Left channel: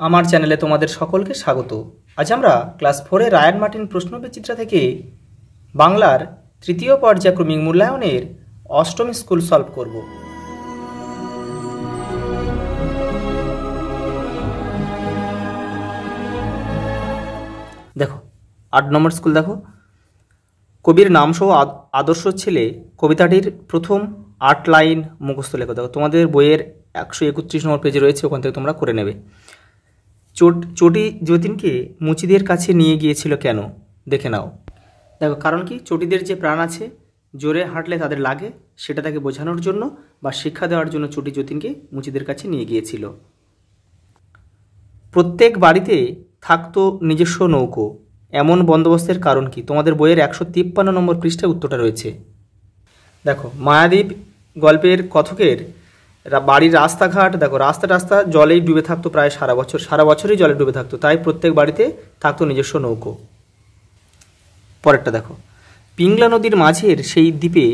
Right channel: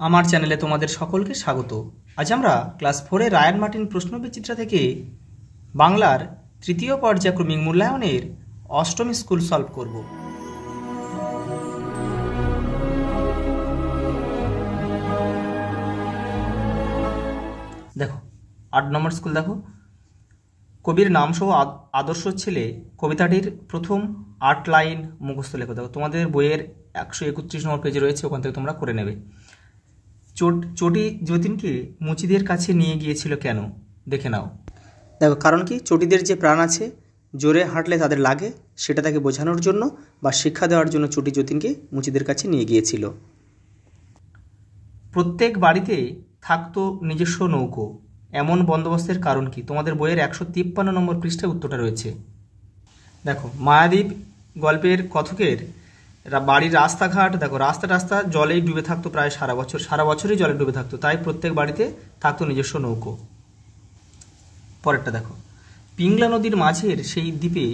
আমার চ্যানেলে তোমাদের সকলকে স্বাগত। আজ আমরা ক্লাস 4-এর রায়ান মার্টিন প্রশ্নবিচিত্রা থেকে বাংলার তৃতীয় পর্যায়ক্রমিক মূল্যায়নের অষ্টম স্কুল সলভ করব। দেখো 8 নম্বর স্কুল। দেখো, কবির নাম সহ আদর্শ ছেলে কবিতাটির প্রথম 8 লাইন মুখস্থ লেখো। দেখো তোমাদের বইয়ের 131 নম্বর পেজে রয়েছে, ওখান থেকে তোমরা করে নেবে। চটি যতীনকে মুচিদের কাছে নিয়ে গিয়েছিল কেন? দেখে নাও। দেখো কারণ কি, চটিদের যে প্রাণ আছে, জোরে হাঁটলে তাদের লাগে, সেটা তাকে বোঝানোর জন্য বা শিক্ষা দেওয়ার জন্য চটি যতীনকে মুচিদের কাছে নিয়ে গিয়েছিল। প্রত্যেক বাড়িতে থাকতো নিজস্ব নৌকো, এমন বন্দোবস্তের কারণ কি? তোমাদের বইয়ের 153 নম্বর পৃষ্ঠায় উত্তরটা রয়েছে। দেখো, মায়াদ্বীপ গল্পের কথকের বাড়ির রাস্তাঘাট, দেখো রাস্তা জলেই ডুবে থাকতো প্রায় সারা বছরই জলে ডুবে থাকতো, তাই প্রত্যেক বাড়িতে থাকতো নিজস্ব নৌকো। পরেরটা দেখো, পিংলা নদীর মাঝের সেই দ্বীপে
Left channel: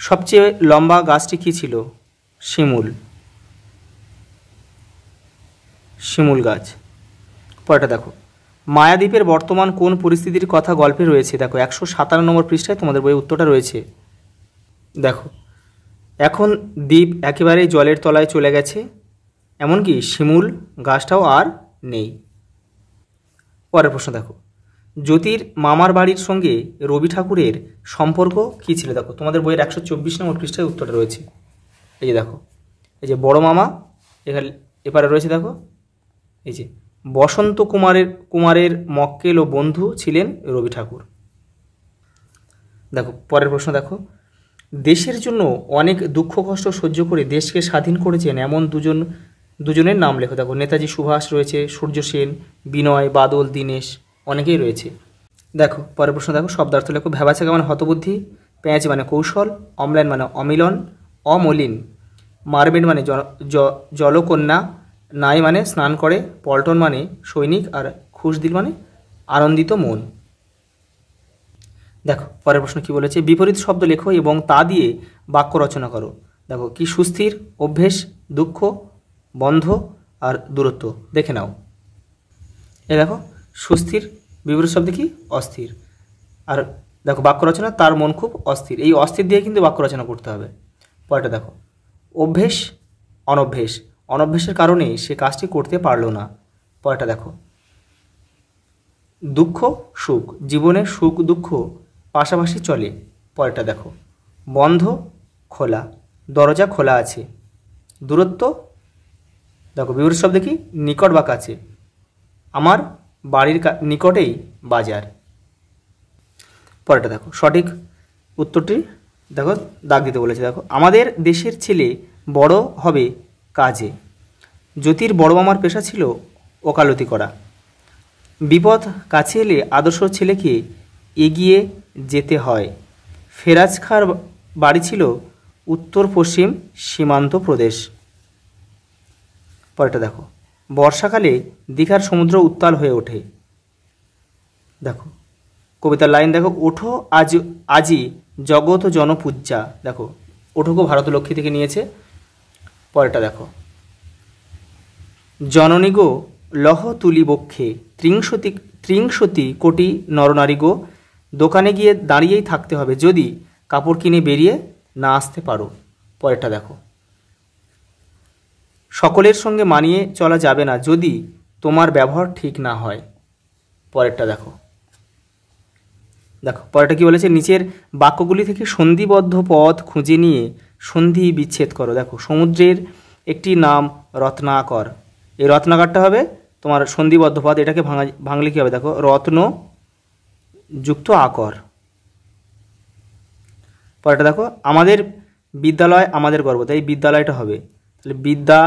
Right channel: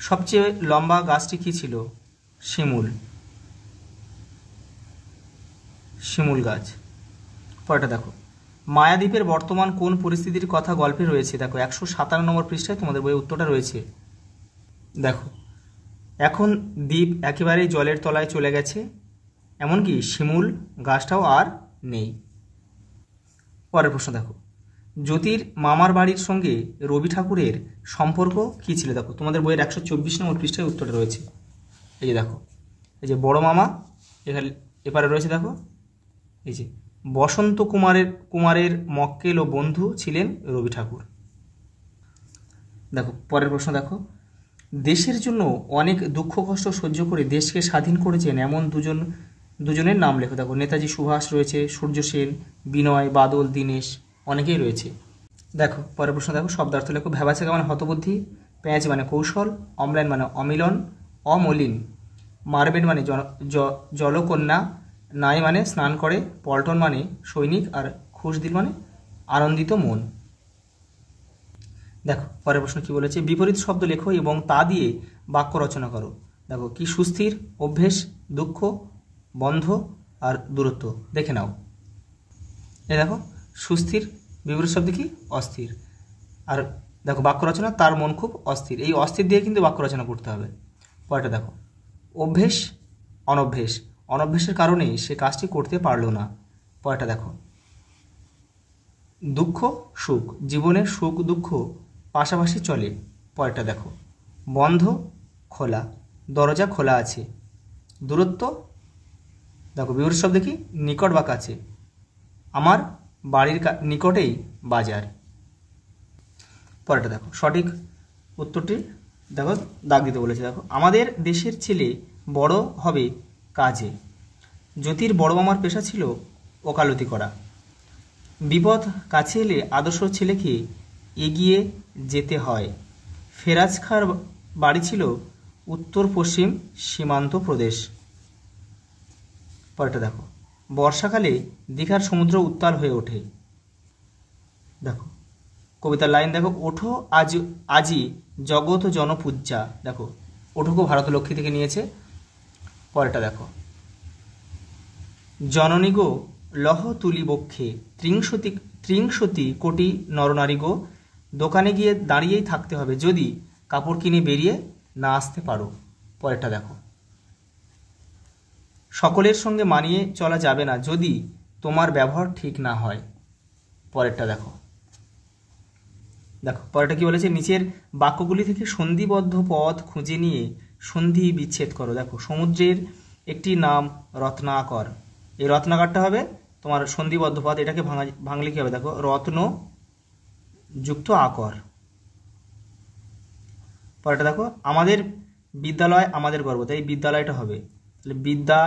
সবচেয়ে লম্বা গাছটি কী ছিল? শিমুল গাছ। পরেরটা দেখো, মায়াদ্বীপের বর্তমান কোন পরিস্থিতির কথা গল্পে রয়েছে? দেখো 157 নম্বর পৃষ্ঠায় তোমাদের বইয়ে উত্তরটা রয়েছে। দেখো, এখন দ্বীপ একেবারে জলের তলায় চলে গেছে, এমনকি শিমুল গাছটাও আর নেই। পরের প্রশ্ন দেখো, জ্যোতির মামার বাড়ির সঙ্গে রবি ঠাকুরের সম্পর্ক কী ছিল? দেখো তোমাদের বইয়ের 124 নম্বর পৃষ্ঠায় উত্তরটা রয়েছে। এই যে দেখো, এই যে বড় মামা এখানে এপারে রয়েছে। দেখো এই যে বসন্ত কুমারের মক্কেল ও বন্ধু ছিলেন রবি ঠাকুর। দেখো পরের প্রশ্ন দেখো, দেশের জন্য অনেক দুঃখ কষ্ট সহ্য করে দেশকে স্বাধীন করেছেন এমন দুজনের নাম লেখো। দেখো নেতাজি সুভাষ রয়েছে, সূর্য সেন, বিনয়, বাদল, দীনেশ, অনেকেই রয়েছে। দেখো পরের প্রশ্ন দেখো, শব্দার্থ লেখো। ভ্যাবাচাকা মানে হতবুদ্ধি, পেঁয়াজ মানে কৌশল, অম্লান মানে অমিলন, অমলিন, মারবেড মানে জলকন্যা, নাই মানে স্নান করে, পল্টন মানে সৈনিক, আর খুশদিল মানে আনন্দিত মন। দেখো পরের প্রশ্ন কি বলেছে, বিপরীত শব্দ লেখো এবং তা দিয়ে বাক্য রচনা করো। দেখো কি, সুস্থির, অভ্যেস, দুঃখ, বন্ধ আর দূরত্ব। দেখে নাও। এই দেখো সুস্থির, বিপরীত শব্দ কি? অস্থির। আর দেখো বাক্য রচনা, তার মন খুব অস্থির। এই অস্থির দিয়ে কিন্তু বাক্য রচনা করতে হবে। পরেরটা দেখো, অভ্যেস, অনভ্যেসের কারণে সে কাজটি করতে পারলো না। পরেরটা দেখো, দুঃখ, সুখ, জীবনে সুখ দুঃখ পাশাপাশি চলে। পরেরটা দেখো, বন্ধ, খোলা, দরজা খোলা আছে। দূরত্ব, দেখো বিপরীত শব্দ কি? নিকট বা কাছে, আমার বাড়ির নিকটেই বাজার। পরেরটা দেখো, সঠিক উত্তরটি দেখো দাগ দিতে বলেছে। দেখো, আমাদের দেশের ছেলে বড় হবে কাজে। জ্যোতির বড় মামার পেশা ছিল ওকালতি করা। বিপদ কাছে এলে আদর্শ ছেলেকে এগিয়ে যেতে হয়। ফেরাজ খাঁর বাড়ি ছিল উত্তর পশ্চিম সীমান্ত প্রদেশ। পরেরটা দেখো, বর্ষাকালে দীঘার সমুদ্র উত্তাল হয়ে ওঠে। দেখো কবিতার লাইন দেখো, ওঠো আজি জগৎ জনপূজ্যা। দেখো ওঠোকে ভারতলক্ষ্মী থেকে নিয়েছে। পরেরটা দেখো, জননী গো লহ তুলি বক্ষে, ত্রিংশতি কোটি নরনারী গো, দোকানে গিয়ে দাঁড়িয়েই থাকতে হবে যদি কাপড় কিনে বেরিয়ে না আসতে পারো। পরেরটা দেখো, সকলের সঙ্গে মানিয়ে চলা যাবে না যদি তোমার ব্যবহার ঠিক না হয়। পরেরটা দেখো, পরেরটা কি বলেছে, নিচের বাক্যগুলি থেকে সন্ধিবদ্ধ পদ খুঁজে নিয়ে সন্ধি বিচ্ছেদ করো। দেখো সমুদ্রের একটি নাম রত্নাকর, এই রত্নাকরটা হবে তোমার সন্ধিবদ্ধ পদ, এটাকে ভাঙলে কি হবে? দেখো রত্ন যুক্ত আকর। পরেরটা দেখো, আমাদের বিদ্যালয় আমাদের গর্ব, তাই বিদ্যালয়টা হবে তাহলে বিদ্যা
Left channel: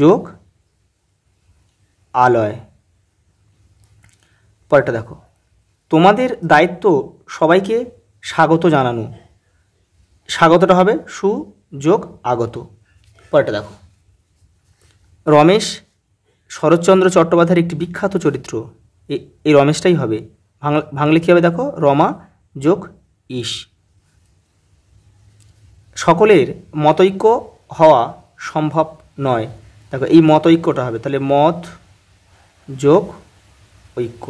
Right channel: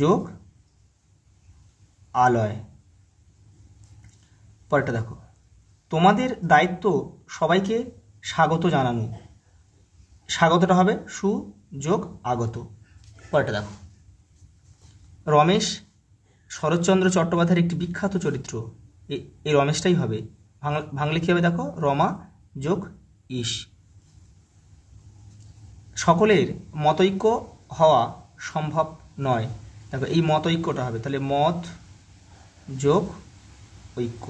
যোগ আলয়। পরেরটা দেখো, তোমাদের দায়িত্ব সবাইকে স্বাগত জানানো, স্বাগতটা হবে সু যোগ আগত। পরেরটা দেখো, রমেশ শরৎচন্দ্র চট্টোপাধ্যায়ের একটি বিখ্যাত চরিত্র, এই রমেশটাই হবে, ভাঙলে কী হবে? দেখো রমা যোগ ইস। সকলের মতৈক্য হওয়া সম্ভব নয়, দেখো এই মত ঐক্যটা হবে, তাহলে মত যোগ ঐক্য।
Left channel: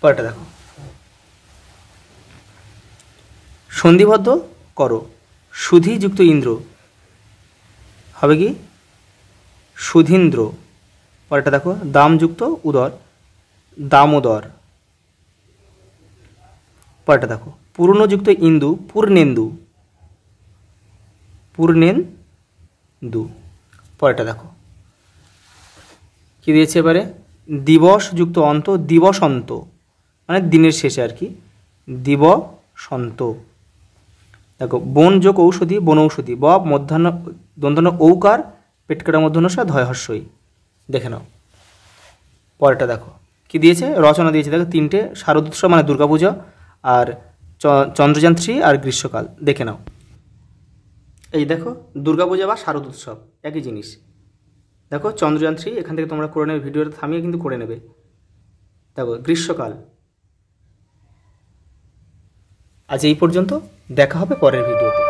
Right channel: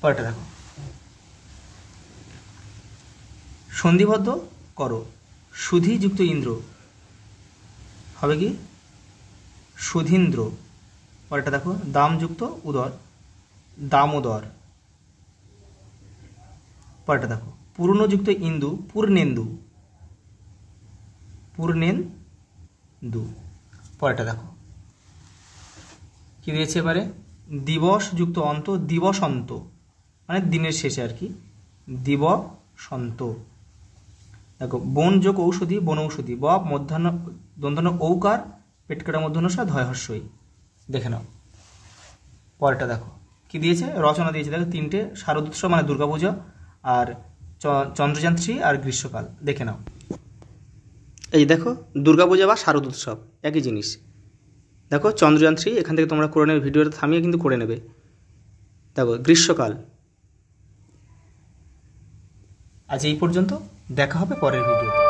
পরেরটা দেখো, সন্ধিবদ্ধ করো, সুধি যুক্ত ইন্দ্র হবে কি সুধীন্দ্র। পরেরটা দেখো, দাম যুক্ত উদর, দামোদর। পরেরটা দেখো, পূর্ণযুক্ত ইন্দু, পূর্ণেন্দু, পূর্ণেন্দু। পরেরটা দেখো কি দিয়েছে এবারে, দিবস যুক্ত অন্ত, দিবসন্ত, মানে দিনের শেষে আর কি, দিবসন্ত। দেখো বন যোগ ঔষধি, বনৌষধি, ব মধ্যাহ্ন দন্তান্ন ঔকার, পেটকাটা মধ্যাহ্নসা ধয় হর্ষই। দেখে নাও। পরেরটা দেখো কি দিয়েছে, রচনা দিয়েছে দেখো তিনটে, শারদোৎসব মানে দুর্গাপূজা, আর চন্দ্রযান 3 আর গ্রীষ্মকাল। দেখে নাও, এই দেখো দুর্গাপূজা বা শারদ উৎসব একই জিনিস। দেখো চন্দ্রযান 3 এখান থেকে তোমরা করে নেবে, ভিডিওটা থামিয়ে কিন্তু করে নেবে। দেখো গ্রীষ্মকাল। আজ এই পর্যন্ত, দেখা হবে পরের ভিডিওতে।